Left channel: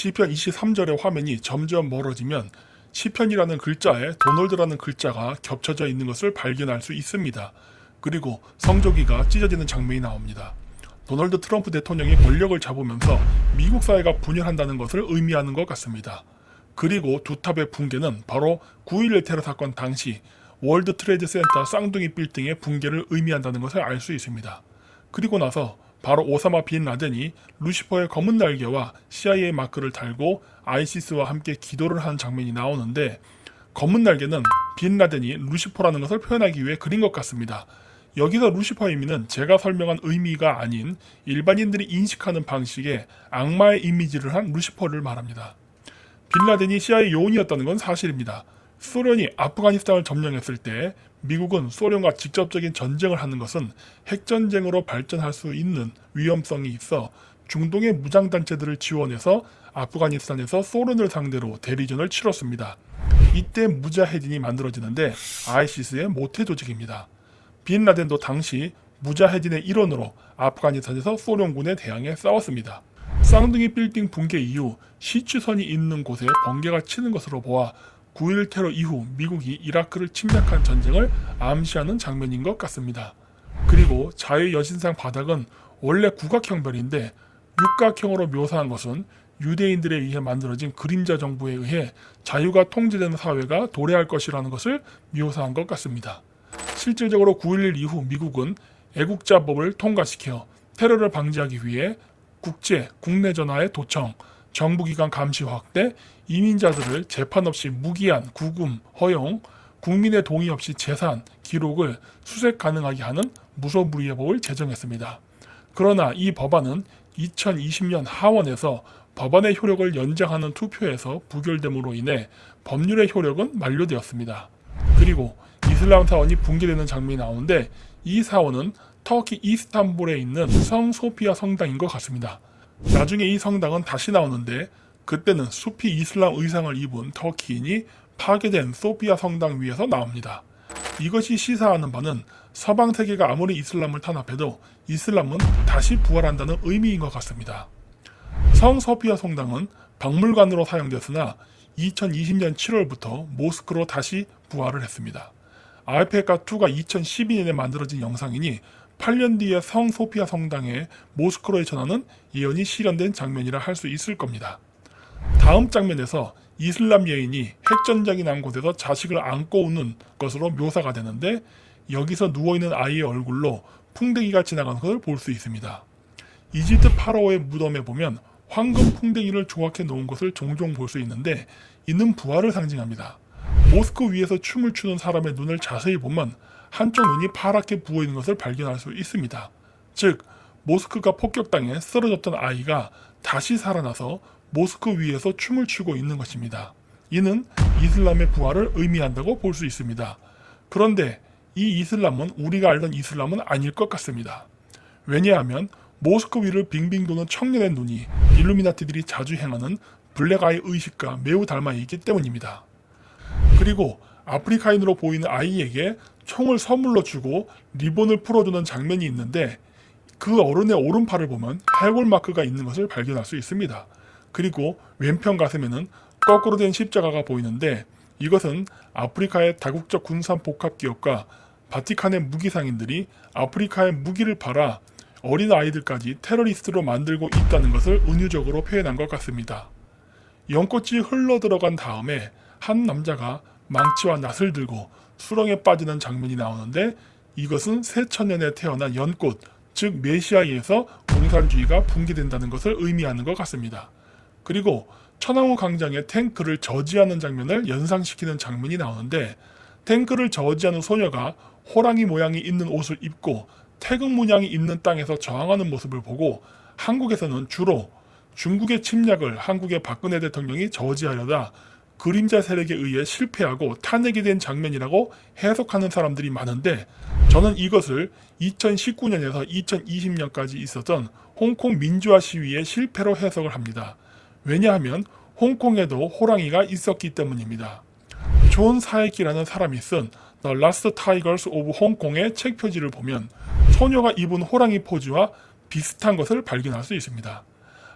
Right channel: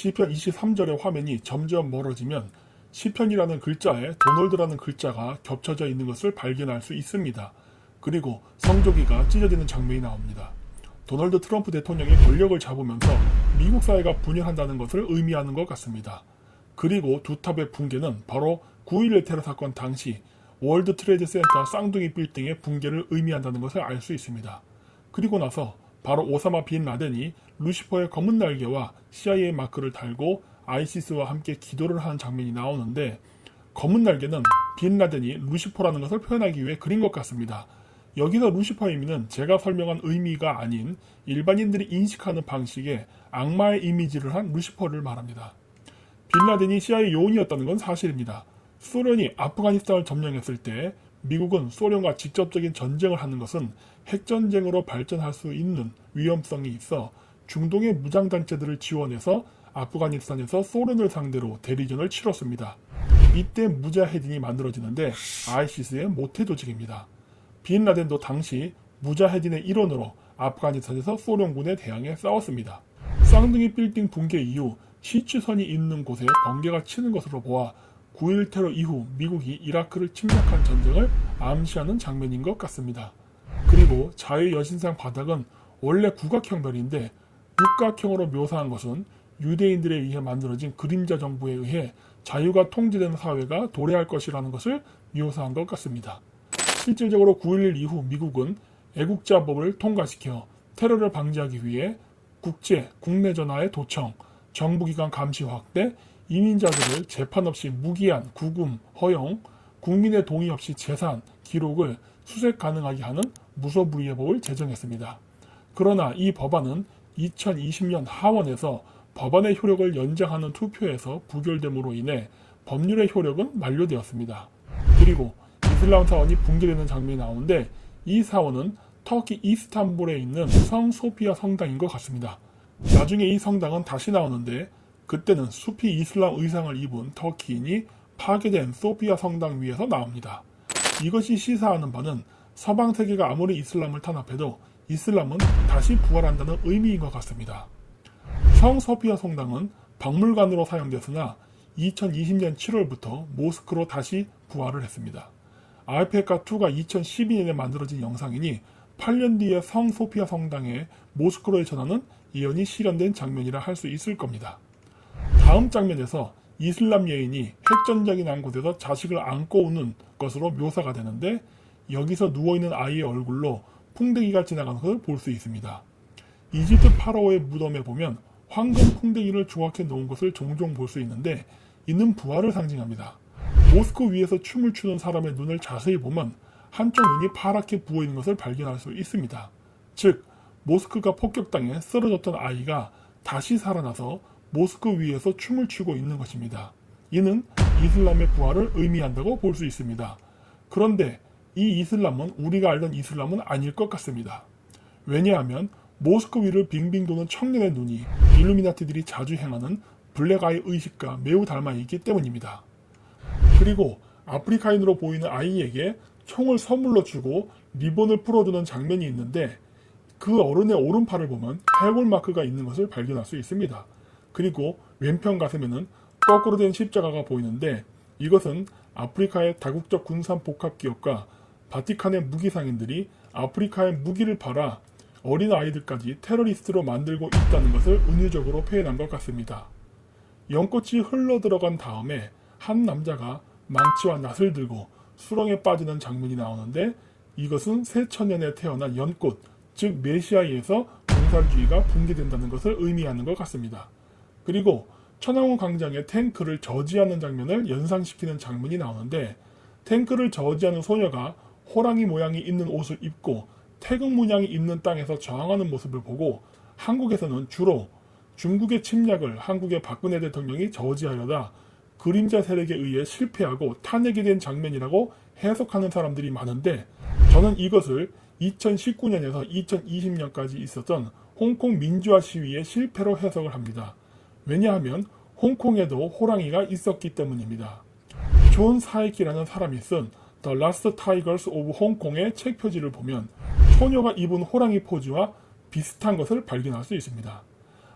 시편 23절의 화면이 점점 멀어지면 시편이라는 글자에 도널드라는 글자가 겹쳐져 있는 것을 발견할 수 있습니다. 그리고 성조기가 찢어지는 장면이 나옵니다. 도널드 트럼프 대통령이 권력을 잡으면서 미국 사회가 분열한다는 것을 의미하는 것 같습니다. 그리고 두 탑의 붕괴는 바로 9.11 테러 사건 당시 월드 트레이드 센터 쌍둥이 빌딩의 붕괴를 의미한다는 것을 알 수 있습니다. 그리고 나서 바로 오사마 빈 라덴이 루시퍼의 검은 날개와 CIA 마크를 달고 아이시스와 함께 기도를 하는 장면이 나오는데, 검은 날개는 빈 라덴이 루시퍼라는 것을 표현하기 위해 그린 것 같습니다. 여기서 루시퍼의 의미는 제가 설명한 의미가 아닌 일반인들이 인식하는 방식의 악마의 이미지를 한 루시퍼를 말합니다. 빈 라덴이 CIA 요원이었다는 건 사실입니다. 소련이 아프가니스탄을 점령했을 때 미국은 소련과 직접적인 전쟁을 하는 것은 핵전쟁으로 발전할 수 있는 위험성이 있어 중동의 무장단체들을 지원해서 아프가니스탄에서 소련을 상대로 대리전을 치렀습니다. 이때 무자헤딘이 만들어지는데 아이시스의 모태 조직입니다. 빈 라덴도 당시 무자헤딘의 일원으로 아프가니스탄에서 소련군에 대항해 싸웠습니다. 쌍둥이 빌딩 붕괴 이후 시추선이 있는 곳에 번개가 치는 것으로 보아 9.11 테러 이후 미국이 이라크를 침략한 전쟁을 암시하는 장면인 것 같습니다. 그리고 자유여신상 바닥은 원래 국악형별인데 육각형으로 묘사한 것은 유대인들에 의해 만들어진 그림자 정부에 의해 자유가 통제되는 사회가 도래할 것이라는 것을 묘사한 것 같습니다. 실질적으로 9.11 이후 미국은 애국자법을 통과시켜 테러를 방지하기 위해 국내 전화의 도청, 정부기관 감시 확대, 이민자들을 재판 없이 무기한 구금 허용, 국민의 동의 없이 재산, 기록을 수색 가능하게 하는 무소불위의 법을 제정했습니다. 그러나 이 법안은 2020년 하원에서 법안의 효력을 연장하는 투표에서 부결됨으로 인해 법률의 효력은 만료되었습니다. 그리고 이슬람 사원이 붕괴되는 장면이 나오는데, 이 사원은 터키 이스탄불에 있는 성 소피아 성당인 것 같습니다. 나중에 이 성당은 다시 나오는데, 그때는 수피 이슬람 의상을 입은 터키인이 파괴된 소피아 성당 위에서 나옵니다. 이것이 시사하는 바는 서방 세계가 아무리 이슬람을 탄압해도 이슬람은 다시 부활한다는 의미인 것 같습니다. 성 소피아 성당은 박물관으로 사용됐으나 2020년 7월부터 모스크로 다시 부활을 했습니다. 알페카2가 2012년에 만들어진 영상이니 8년 뒤에 성 소피아 성당에 모스크로에 전하는 예언이 실현된 장면이라 할 수 있을 겁니다. 다음 장면에서 이슬람 여인이 핵전쟁이 난 곳에서 자식을 안고 우는 것으로 묘사가 되는데, 여기서 누워있는 아이의 얼굴로 풍뎅이가 지나가는 것을 볼 수 있습니다. 이집트 파라오의 무덤에 보면 황금 풍뎅이를 조각해 놓은 것을 종종 볼 수 있는데, 이는 부활을 상징합니다. 모스크 위에서 춤을 추는 사람의 눈을 자세히 보면 한쪽 눈이 파랗게 부어있는 것을 발견할 수 있습니다. 즉, 모스크가 폭격당해 쓰러졌던 아이가 다시 살아나서 모스크 위에서 춤을 추고 있는 것입니다. 이는 이슬람의 부활을 의미한다고 볼 수 있습니다. 그런데 이 이슬람은 우리가 알던 이슬람은 아닐 것 같습니다. 왜냐하면 모스크 위를 빙빙 도는 청년의 눈이 일루미나티들이 자주 행하는 블랙아이 의식과 매우 닮아 있기 때문입니다. 그리고 아프리카인으로 보이는 아이에게 총을 선물로 주고 리본을 풀어주는 장면이 있는데, 그 어른의 오른팔을 보면 해골 마크가 있는 것을 발견할 수 있습니다. 그리고 왼편 가슴에는 거꾸로 된 십자가가 보이는데, 이것은 아프리카의 다국적 군산 복합 기업과 바티칸의 무기상인들이 아프리카의 무기를 팔아 어린 아이들까지 테러리스트로 만들고 있다는 것을 은유적으로 표현한 것 같습니다. 연꽃이 흘러 들어간 다음에 한 남자가 망치와 낫을 들고 수렁에 빠지는 장면이 나오는데, 이것은 새 천년에 태어난 연꽃, 즉 메시아에서 공산주의가 붕괴된다는 것을 의미하는 것 같습니다. 그리고 천왕호 광장의 탱크를 저지하는 장면을 연상시키는 장면이 나오는데, 탱크를 저지하는 소녀가 호랑이 모양이 있는 옷을 입고 태극 문양이 있는 땅에서 저항하는 모습을 보고, 한국에서는 주로 중국의 침략을 한국의 박근혜 대통령이 저지하려다 그림자 세력에 의해 실패하고 탄핵이 된 장면이라고 해석하는 사람들이 많은데, 저는 이것을 2019년에서 2020년까지 있었던 홍콩 민주화 시위의 실패로 해석을 합니다. 왜냐하면 홍콩에도 호랑이가 있었기 때문입니다. 존 사이키라는 사람이 쓴 The Last Tigers of Hongkong의 책 표지를 보면 소녀가 입은 호랑이 포즈와 비슷한 것을 발견할 수 있습니다.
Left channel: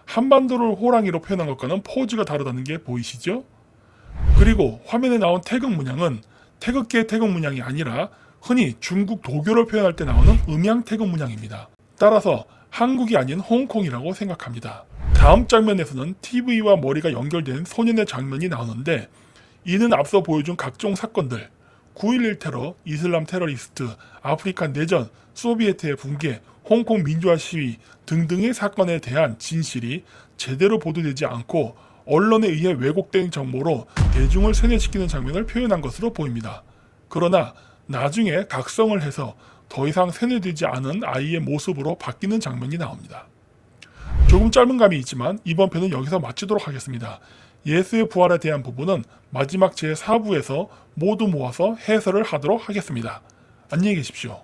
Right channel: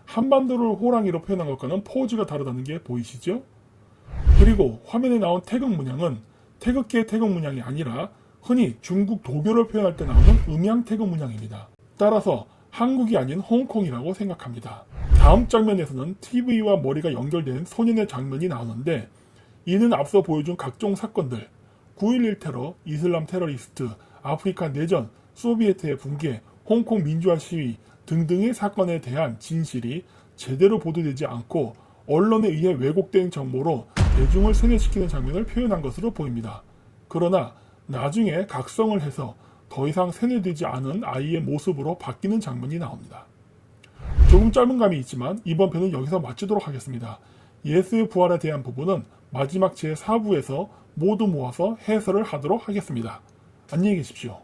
한반도를 호랑이로 표현한 것과는 포즈가 다르다는 게 보이시죠? 그리고 화면에 나온 태극 문양은 태극기의 태극 문양이 아니라 흔히 중국 도교를 표현할 때 나오는 음양 태극 문양입니다. 따라서 한국이 아닌 홍콩이라고 생각합니다. 다음 장면에서는 TV와 머리가 연결된 소년의 장면이 나오는데 이는 앞서 보여준 각종 사건들, 9.11 테러, 이슬람 테러리스트, 아프리카 내전, 소비에트의 붕괴, 홍콩 민주화 시위 등등의 사건에 대한 진실이 제대로 보도되지 않고 언론에 의해 왜곡된 정보로 대중을 세뇌시키는 장면을 표현한 것으로 보입니다. 그러나 나중에 각성을 해서 더 이상 세뇌되지 않은 아이의 모습으로 바뀌는 장면이 나옵니다. 조금 짧은 감이 있지만 이번 편은 여기서 마치도록 하겠습니다. 예수의 부활에 대한 부분은 마지막 제4부에서 모두 모아서 해설을 하도록 하겠습니다. 안녕히 계십시오.